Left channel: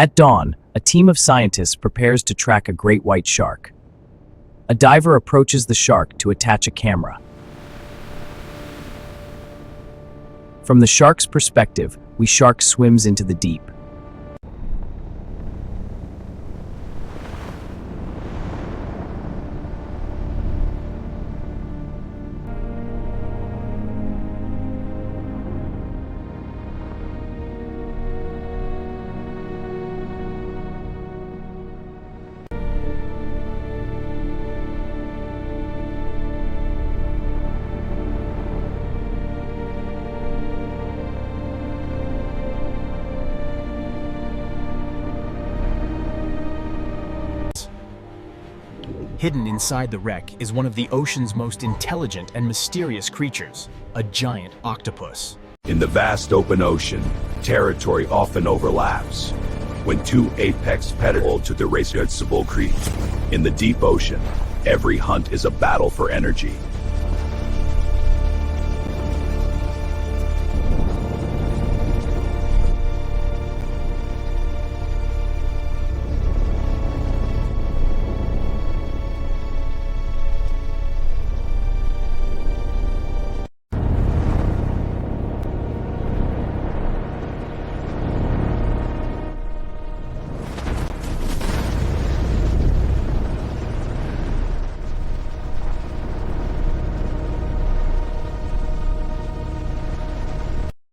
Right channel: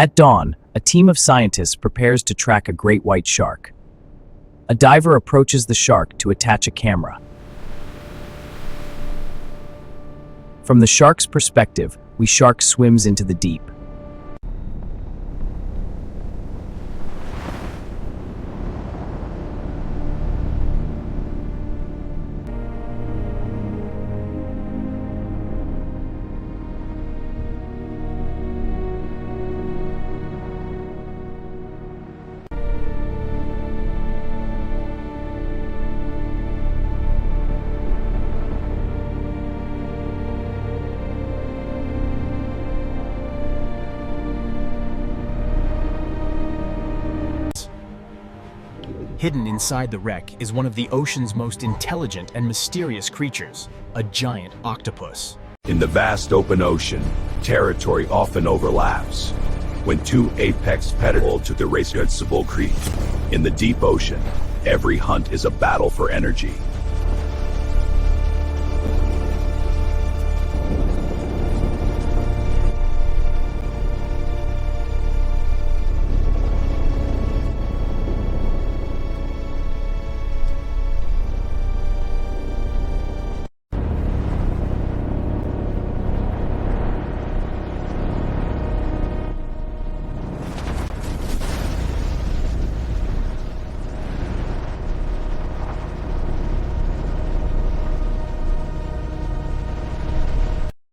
At dawn, a team of scientists prepares to track a great white shark. A diver approaches the shark to attach a camera. From the shark's perspective, the shark swims into the deep. Hidden inside the wreck is one of the ocean's most intelligent and mysterious creatures, a giant octopus. In the vast open ocean, territory often overlaps. When two apex predators to the irreducible creatures. In the deep ocean, every hunt is a battle for energy.